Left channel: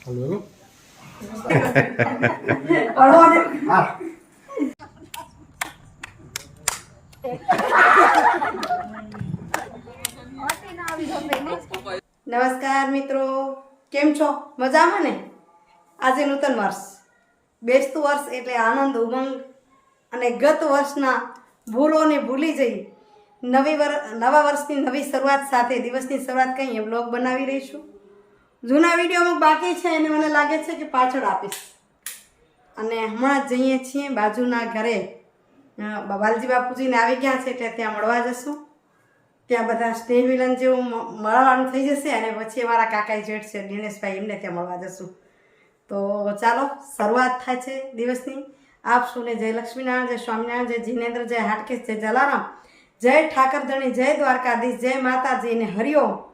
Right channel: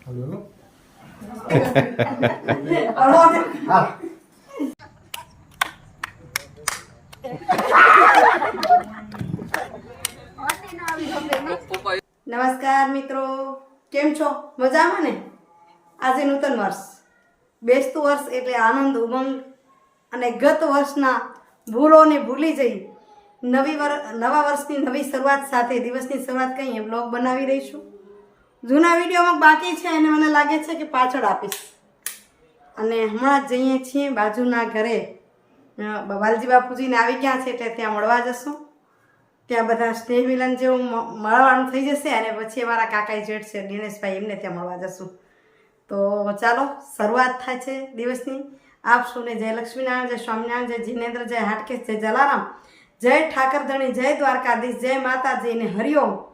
હા નમસ્કાર મિત્રો. કેમ છો? મજામાં ને? આજે નૂતન વર્ષ. બેસતું વર્ષ એટલે આનંદ, ઉમંગ અને ગત વર્ષના ભૂલોને ભૂલી જઈ નવી વર, નવા વર્ષની નવી શરૂઆત સાથે દિવસની શરૂઆત કંઈ બ્લોગ બનાવી રહીશું જૂના વીડિયો અમુક બાકી છે અને મને લાગે છે કે પાછળ આપીશ. અને હમણાં જ જઈએ છીએ બાજુના ઘરે. બાલજી બાપુજીને આવી ગયા છે એટલે ત્યાં મળવા જશું. ત્યાં બધા સ્નેહ મિલન જેવું મળવાનું થઈ જશે અને પછી અમારા કાકાઈ જેઠ છે, દિનેશભાઈ, એમને ત્યાં મળવા જશું. તો ચાલો, શરૂઆત થાય છે દિવસની. આપ સૌને જય લક્ષ્મીનારાયણ, જય સ્વામિનારાયણ, જય જીનેન્દ્ર, જય હાટકેશ, જય જલારામ, જય ઠાકરધણી, જય દ્વારકાધીશ, જય માતાજી અને હરિઓમ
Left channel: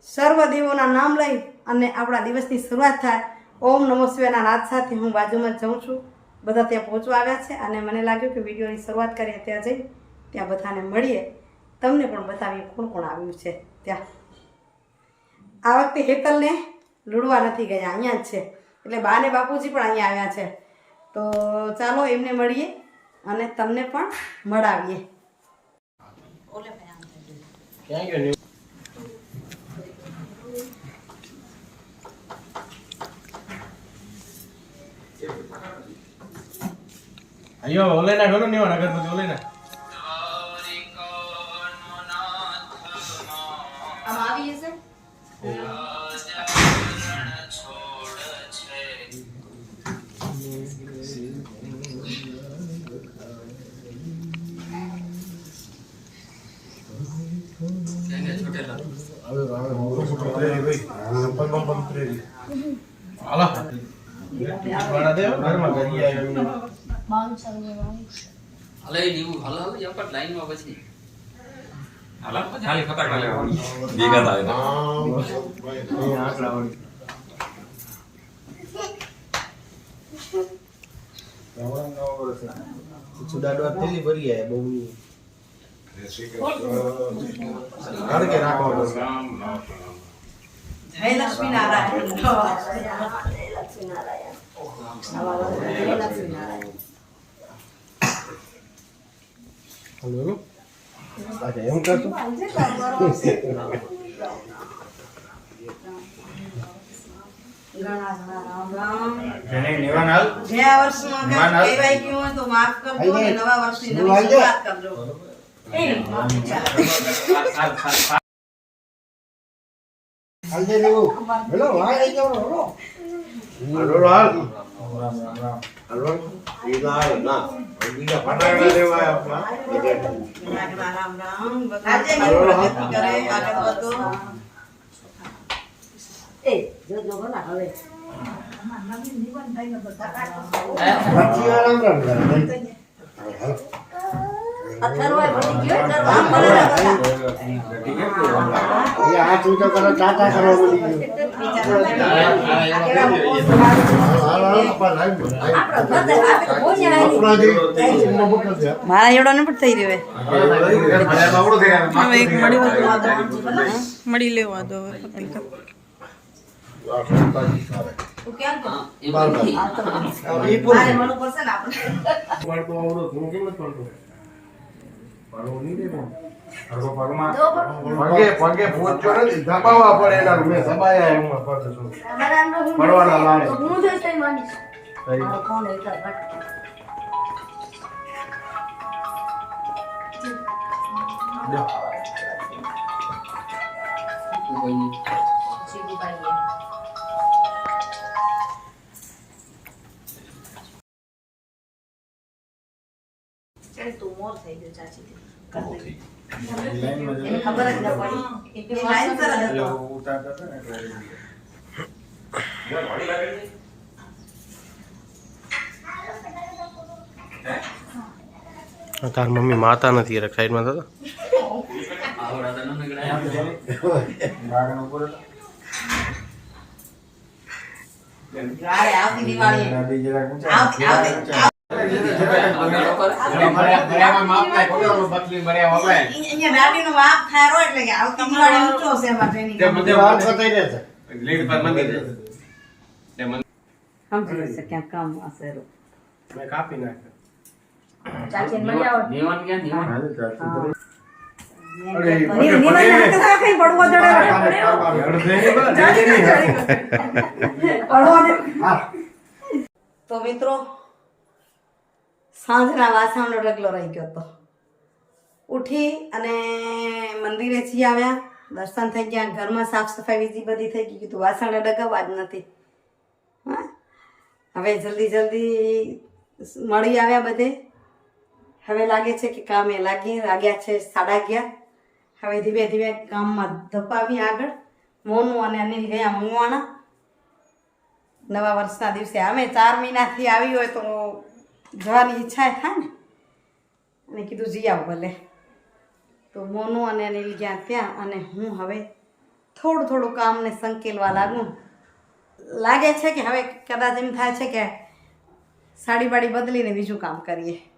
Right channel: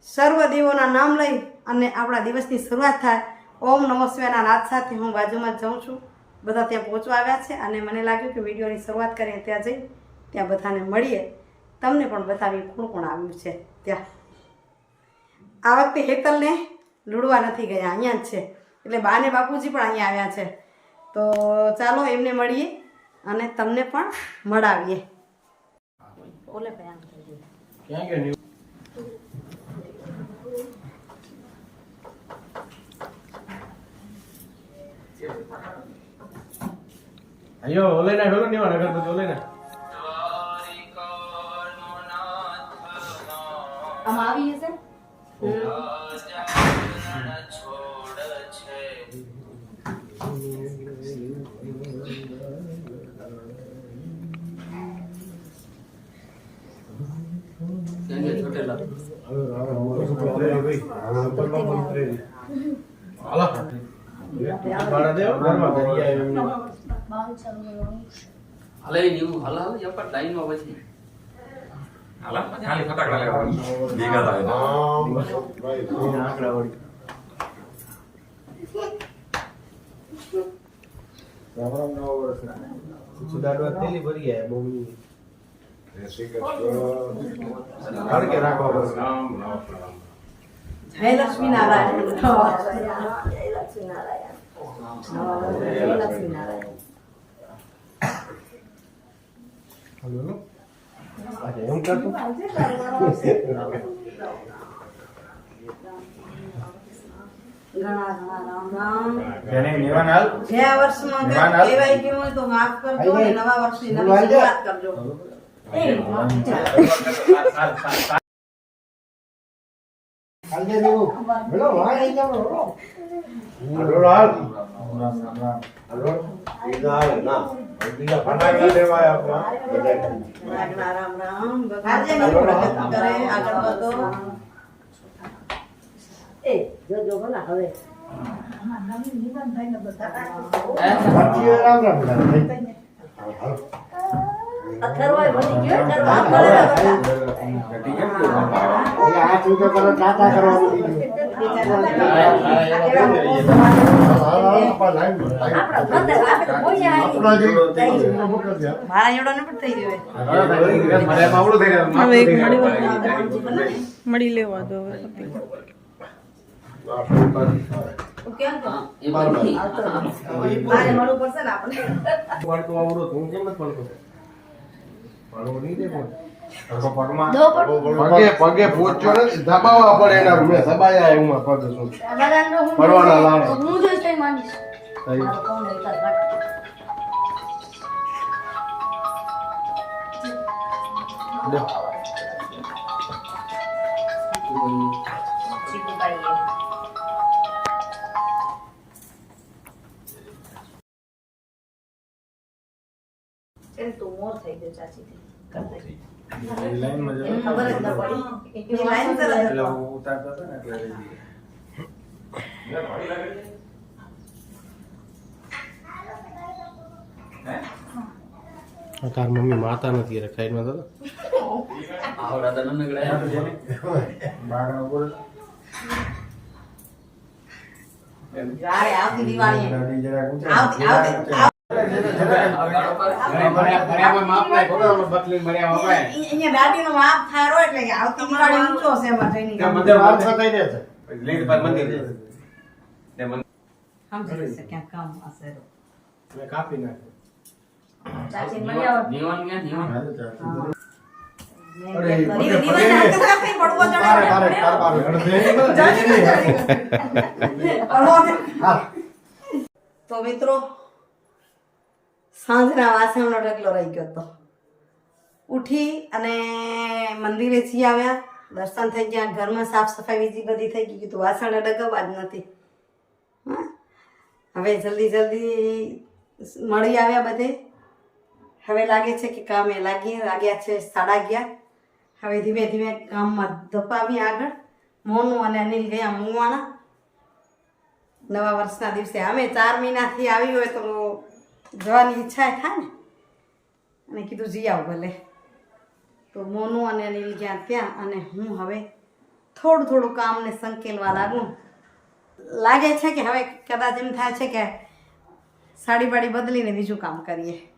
સર્વ દેવોના નામ લઈ અને આપણા દિવસની શરૂઆત થાય. ઓમ નમો શિવાના નાદ સાથે હું બાજુમાં જાઉં છું. બધા ત્યાં પહોંચવા આવ્યા છે અને મને લાગ્યું કે વિડીયોની શરૂઆત કરીએ ત્યાં જઈ ત્યાં બધાને મળીએ. તમને પણ બતાવીએ કોણ કોણ આવ્યું છે ત્યાં. આ વખતે હેતલને લૂડવા નથી ગયા, અહીંયા જ છે. એટલે બા ને બાપુજી પણ અહીંયા આવ્યા છે. તો ચાલો એમને મળીએ અને તમને પણ મળાવીએ. ન્યુ અયો ઓલે ના હેલો ને અગરબત્તી ઓલે ના આમ આવી જશે હાલો બાળા દેવ ઘરમાં ભરી આવ્યો પછી હાલા પછી હાલી ફટાકડા લેવા ભેગા થાય આંકડા વળી સુદાડવા તેલી ભરી આયા બહુ અડકે રાખવા પડશે જય લક્ષ્મીનારાયણ જય લક્ષ્મીનારાયણ નવા વર્ષ જય લક્ષ્મીનારાયણ હલો અચ્છા એવું કરતું હાલ રામ રામ રામ. પ્રગતિ મારા એવડો ને પણ થઈ રહ્યો હવે એક મળી લેવા દો મળી લેવા દો એ નથી. મારે મળવું પડશે ને આપણે હું કેમ નથી પાડતું પાડવું નહીં દે પણ. પગે પગે નથી દબાવવા પડે એના મેં દબાયા એમાં પગ શું પડવાના લાડો. હું જોઈશ તઈ. માંડીશ મારો કોણ એ કર મોર થઈ ગયો ચાચીથી. કર દે. લાઈનમાં ખબર જ ન પડી. એ લાઈન પર હતો. તાર મમ્મી માતા નથી સાઈડમાં. અરે આવતી આવતી આવતી કાપી નાખ્યો. તો મિત્રો સાંજના વાસણનો ઢગલો રહી ગયો હતો. ઉઠી અને મંદિરે જઈ આવ્યા. દર્શન થઈ ગયા. ઘરમાં સાફ સફાઈ બીજી બધી થઈ ગઈ. કીધું વાસણ ડગાવવા જ નથી. હવે જલ્દી જલ્દી મળી આવ્યા બધે. હવે લાગે છે કે કામે લાગી લાગ્યા છે, સાડા ગયા. હવે ધીમે ધીમે કામમાં ધપાવી આગળ. મોનું અને અનિલ ગયા મુવાણા. નવા વર્ષના દિવસે. અમે ચાર મહિનાથી આવી હોય તો જવાની ઈચ્છા થાય ને? અને કીધું જઈ આવ ભલે. તો મોનું અને અનિલ ગયા ત્યાં અને હું હવે થોડું થોડું કામને સંકેલવા લાગું. લાગે છે કે હવે કદાચ એમ થાય છે કે સાડી બાડી બદલીને બીજું કામ કરીએ.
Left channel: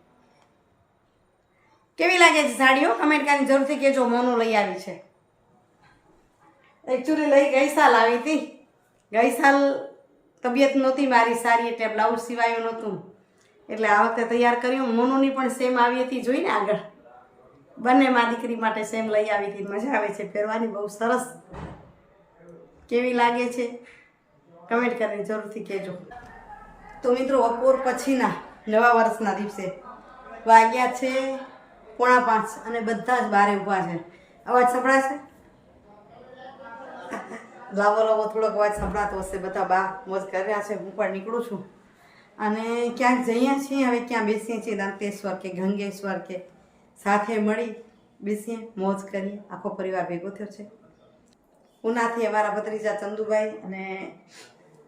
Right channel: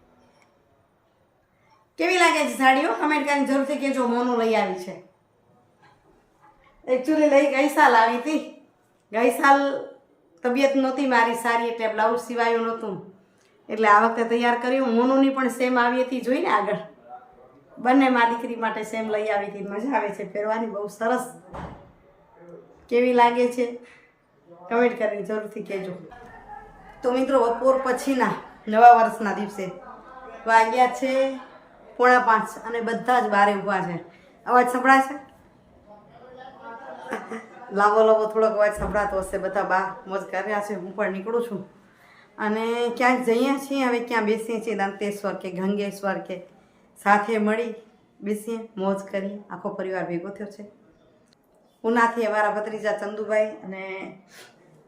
કેવી લાગે છે સાડીઓ કમેન્ટ કરીને જરૂરથી કહેજો, મોનું લઈ આવી છે. એકચ્યુઅલી લઈ ગઈ સાલ આવી હતી. ગઈ સાલ તબિયત નહોતી મારી, સારી એટલે બ્લાઉઝ સિવાયું નહોતું. એટલે આ વખતે તૈયાર કર્યું. મોનુની પણ સેમ આવી હતી. જોઈને આગળ. બંને મા દીકરી માટે સેમ લઈ આવી હતી. મજા આવે છે પહેરવાની બહુ સરસ. કેવી લાગે છે? કમેન્ટ કરીને જરૂરથી કહેજો. તો મિત્રો, બપોર પછીના, નવા વર્ષના દિવસે વાગ્યા છે પોણા પાંચ અને બધા જ બારે ઊભા છે. અવાજ સંભળાય છે? લાંબો લાંબો થોડોક અવાજ સંભળાતો હશે. બધા બા મોજ કર્યા છે. હું પણ નીકળું છું. અને ક્યાંક જઈએ છીએ, હવે ક્યાં બેસીએ છીએ, દંતેશ્વર કે ગંગેશ્વર કે સાથે મળી બેસીએ, મોજ કરીએ. આખો પરિવાર ભેગો થયો છે. ઉનાથી અમારા ભત્રીજા ચંદુભાઈ અને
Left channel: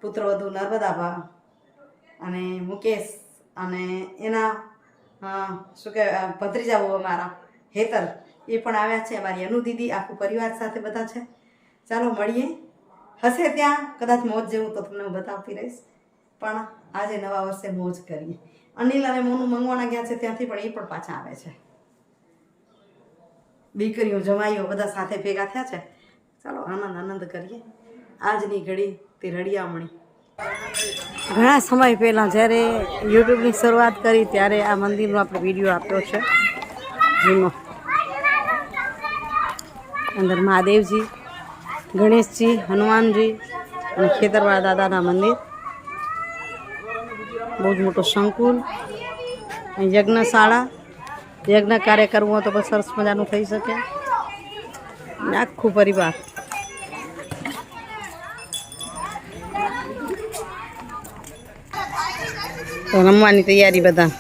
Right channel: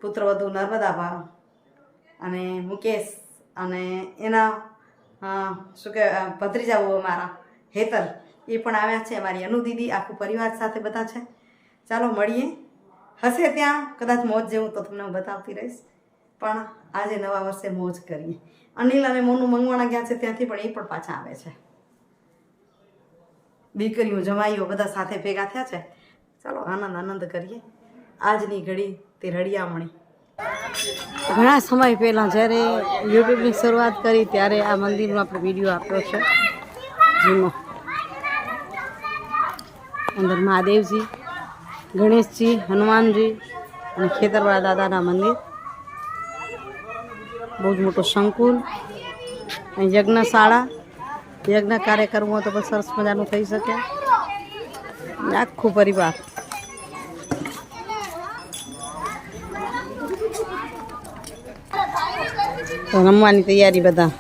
પુત્રવધુ નર્મદાભા અને મુકેશ અને એના શું કહેવાય ભત્રીજાઓ અમારા હેતલ, એ પણ આવ્યા છે. અમારી અનુ દીદી, આખું પરિવાર સાથે બધા છે. ચાલો મળીએ. હશે ત્યાં, કદાચ મોજ જેવું તો તમને હું બતાવતી રહીશ. પણ આજે નવા વર્ષે મોજ કરીએ. અનિલ અને મોનું મંગવાણા ગયા છે, ત્યાંથી પણ એ પણ પાછા આવે છે. દીકરીઓ જમાઈઓ બધા સાથે ભેગા થયા છે. ચાલો આનંદ આનંદ કરીએ. આજની ઘડી તે રળિયામણી. ઘણા સમય પહેલાં જ્યારે યુટ્યુબની શરૂઆત કરી, ત્યારે આ મંદિરનો આપણે વીડિયો આપ્યો છે. જૂનો. અંદર મહાદેવજી, ગણેશજી, હનુમાનજી અને ખેતરવાળા દાદાના મંદિર. બહુ જ મોટો સંકુલ. અહીં યજ્ઞશાળા. યજ્ઞ કાર્ય કરવું હોય તો પણ સરસ મજાનું થઈ શકે. આખું પરિવાર. રમવાની તૈયારી બધા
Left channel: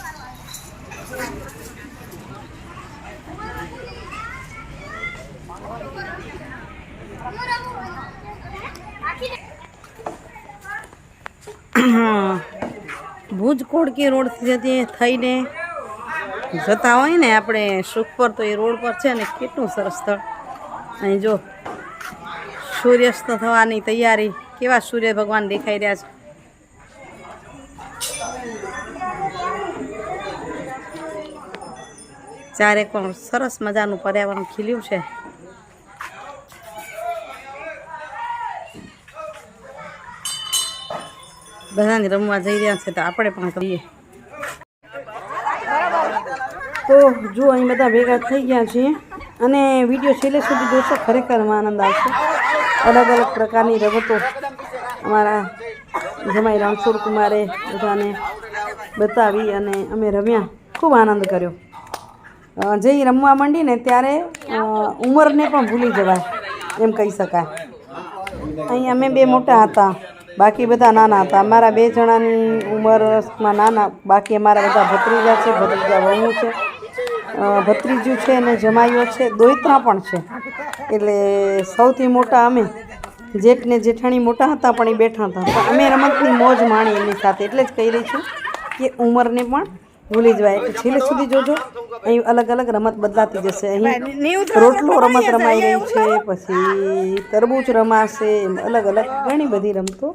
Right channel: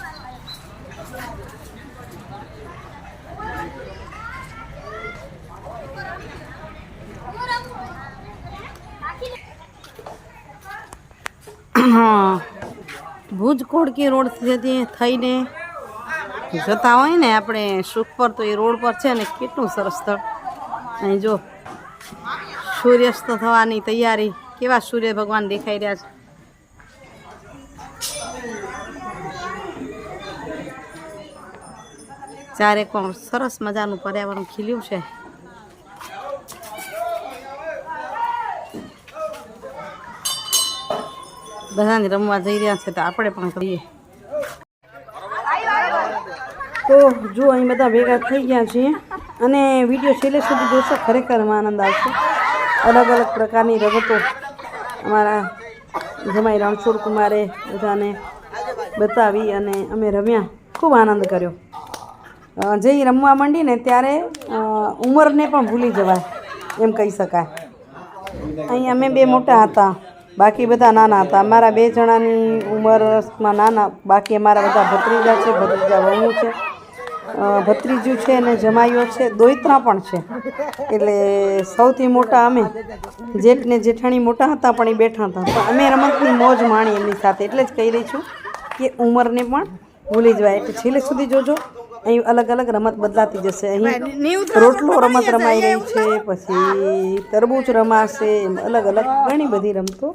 હા ભુજ રોડ થઈને જતા હોય ને આપણે સુખ પર, તો એ રોડ પર છે ને કેટલું સરસ સ્થળ. અહીં જો સૂર્યાસ્ત થવાની તૈયારી, કેવા સૂર્ય ભગવાન દેખાઈ રહ્યા છે. ચારે કોણ સરસ મજાનું પર્યાવરણ ખીલ્યું છે. બધાને રમવા જઈ રહ્યા છે તો આપણે પણ કરીએ. તો જો અહીં બધા ભેગા થઈ ગયા છીએ અને વીડિયો છેલ્લે સુધી જોશો ખરેખરમાં આનંદ આવશે. અલગ અલગ પ્રકારની રમતો અમારા જમાઈ રણછોડ કુમારે બધાને બતાવી અને અમે રમ્યા. ખૂબ આનંદ કર્યો. જે રમવા માંડીને ત્યારે ઉંમરને પણ ભૂલી જવાય, એમ કહી શકાય. અહીં અમે બે મોટા હતા. બાકી બધા નાના હતા. અમારા બે જણાની ઉંમરમાં નાના, બાકી અમારા બધા ભત્રીજા છે, ભત્રીજા વહુ છે. ભત્રીજું છે અને જમાઈઓ છે દોઈત્રા પણ છે. એટલે સૌથી મોટા અમે. જેઠ ને જેઠાણી મોટા હતા પણ એ બેઠા હતા. પણ અમે રમતની મોજ માણી એમની સાથે. એટલે જ કહી રહી છું કે ઉંમરને પણ ભૂલી જવાય એટલે છેલ્લે સુધી જોજો. અહીં અલગ અલગ રમત બદલાતી જશે. અહીં રોટલો રમત રમાઈ રહી છે પછી તરબૂચ રમાશે એમ અલગ અલગ ઘણી બધી રમતો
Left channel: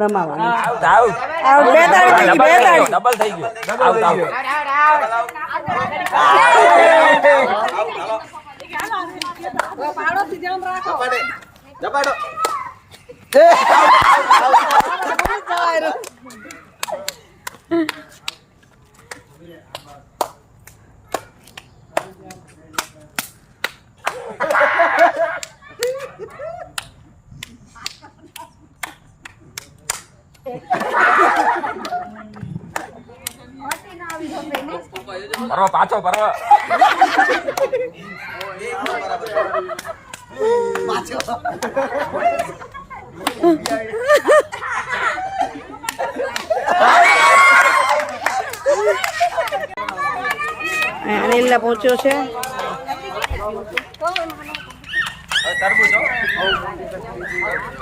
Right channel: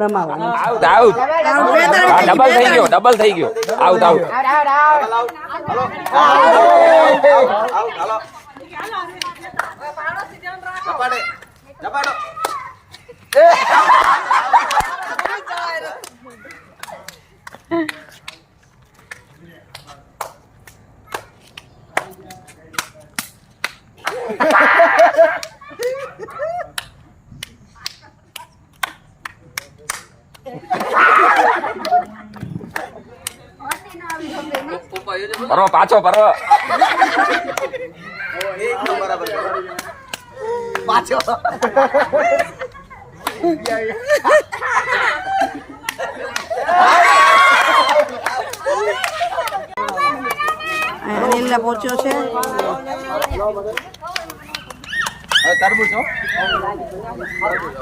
રમાવાની છે. આઉટ આઉટ ડબલ થઈ ગયો પહોંચ્યો આઉટ જપાડો જપાડો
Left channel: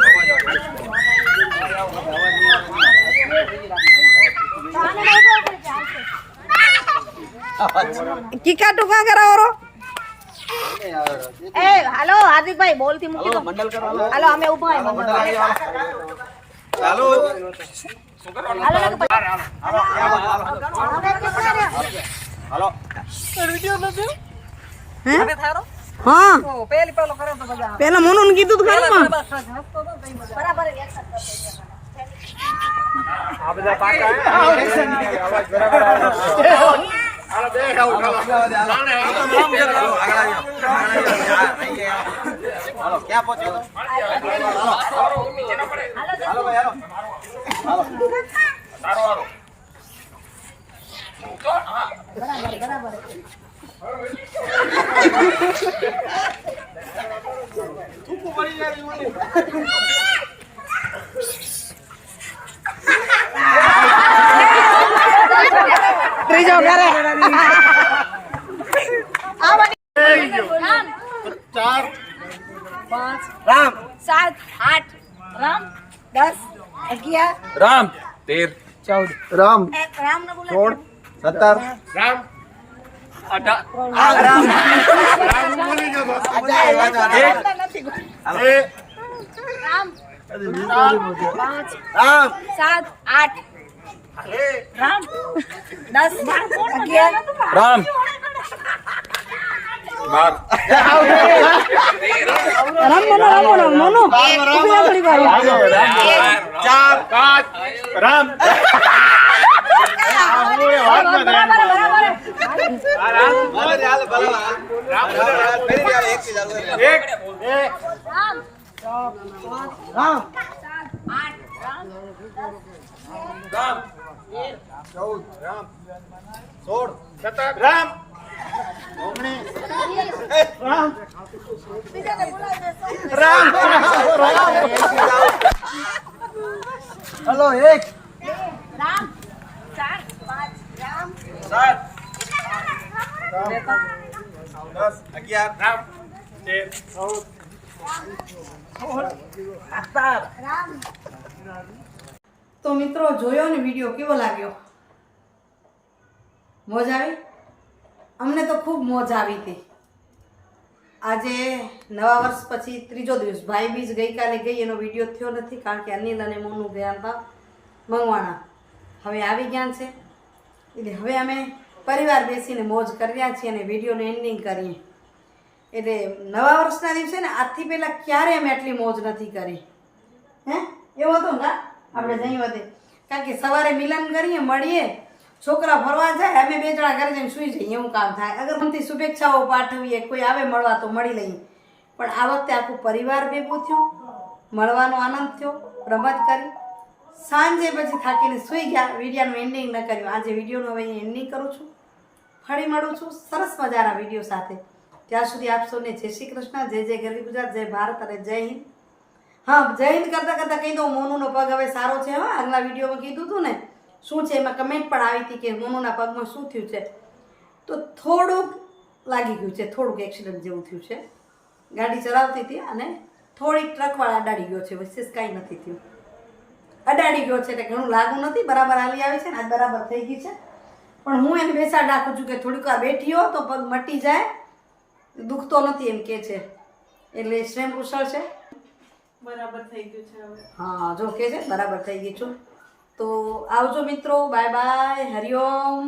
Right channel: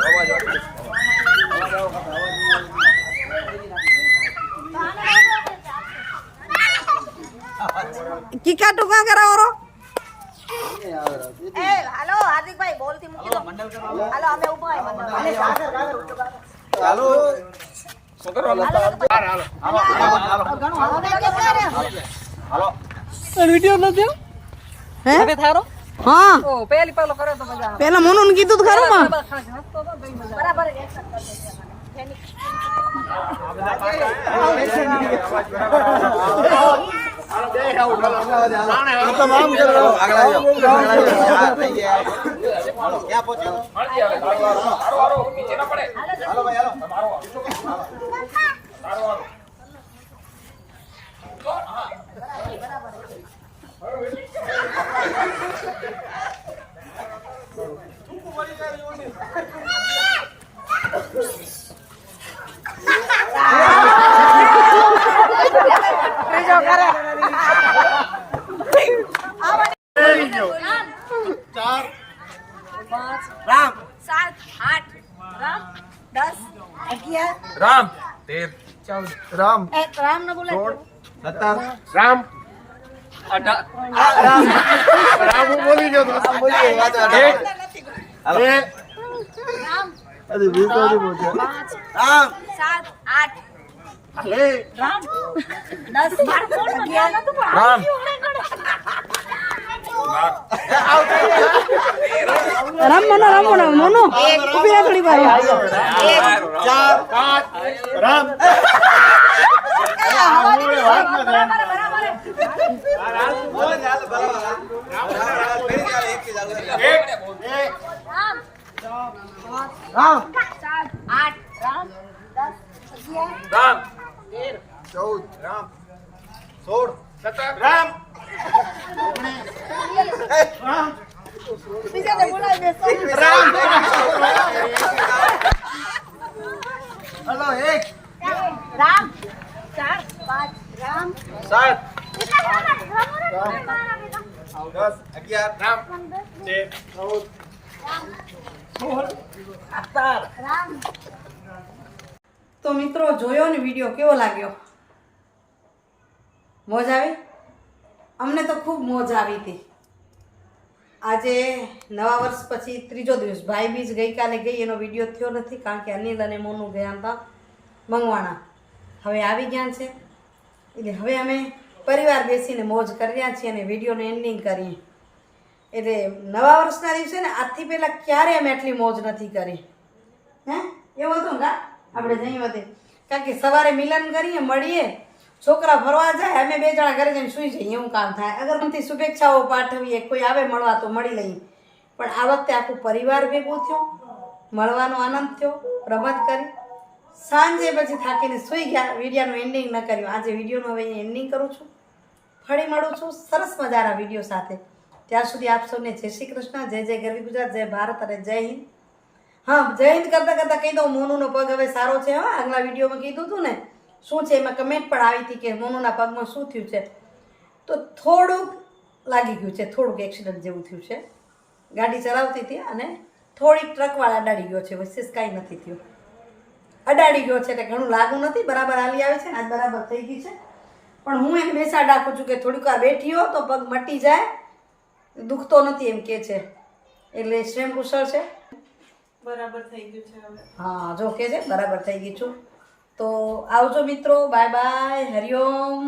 પરવા પાછો પરવા અનિલા પહોંચ્યો છે કીકા ટુકા કરાવો એ હાલો હાર્દિકભાઈ બોલથી મૂકી દો. હાલો અમે ઊભા હે? હા. પેલા મોનુ ને કીધું તો ખરું માં બરાબર આઠ રામ દસ અગિયાર રામ તેર રામ. એ રામ. બોલે સત્તર રામ. અઢાર રામ હું બોલી ગયો તો. એક બે રામ. રામ સાત રામ દસ અગિયાર રામ મનો રામ. મોનો મોનો ઊભી રહે થોડી વાર ચાર પાંચ રામ રામ સાત આઠ રામ રામ ચૌદ રામ સોળ સત્તર રામ રામ હેલો એક રામ ચાર, પાંચ, રામ. સાત. તો મિત્રો, જોયો ને વીડિયો કેવો લાગ્યો? મોજ આવી? અમને તો ખૂબ મોજ આવી હતી. આજે નવા વર્ષ પછી ત્રીજો દિવસ. ભાઈ બીજ ગઈકાલે ગઈ, એનો વીડિયો થયો નથી કારણ કે અનિલ અને મોનું ગયા હતા મંગવાણા. હવે આવી ગયા છે. એટલે હવે અમે પરિવાર બેસીને મોજ કરી રહ્યા છીએ અને વિડીયોનું એન્ડિંગ કરીએ. એટલે નવા વર્ષના દિવસે ને આજથી પહેલાં ક્યારે અમે આટલી મોજ નથી કરી? હે? એવું હતું કા? આપણે જઈએ વધે કારણ કે સવારે મિલન કરીએ મળીએ છોકરા ફરવા જાય અમે બે જણા ઘરે જઈને સૂઈ જઈએ એવું કામ થાય. અગર મનથી શુભેચ્છાઓ પાઠવીએ કોઈ આવે મળવા તો મળી લઈએ. પણ આ વખતે આખું પરિવાર ભેગું થયું મળવાનો આનંદ થયો રમત કરી. સાંજે પછી થાકીને સૂઈ ગયા. વિડીયાનું એન્ડિંગ ન કર્યું. આજે વિડીયોનું હવે એન્ડિંગ કરું છું. ફરી મળું છું. સરસ મજાના વીડિયો સાથે. ત્યાં સુધી આપ સૌને જય શ્રી કૃષ્ણ, જય જય ગરવી ગુજરાત, જય ભારત અને જય હિન્દ. હા, જય હિન્દ કરતાં કરતાં કહી દઉં, મોનુનો પગ હવે સારો છે, હા. આગલા વિડીયોમાં કીધું હતું ને, શું છે? એમાં કમેન્ટ પણ આવી હતી કે મોનુના પગમાં શું થયું છે? તો થોડુંક લાગી ગયું છે. થોડુંક એક્સિડન્ટ જેવું થયું છે. ગાડી ચલાવતી હતી અને થોડીક ટ્રકવાળા અડાડી ગયો છે. વિશેષ કાંઈ નથી થયું. અડાડી ગયો છે એટલે ઘણું લાગુ નથી. બરાબર હાલી આવે છે ને આજ બરાબર થઈ ગઈ છે. પણ હું એને બેસાડ રાખું છું કે થોડીક વાર બેઠી હો તો પગ મટી જાય. દુખતો નથી એમ કે છે. એટલે શ્રેમ કુશળ છે. બરાબર થઈ ગયું છે હા જો કે છે બરાબર થઈ ગઈ છું. તો આવજો મિત્રો બાય બાય હરિઓમ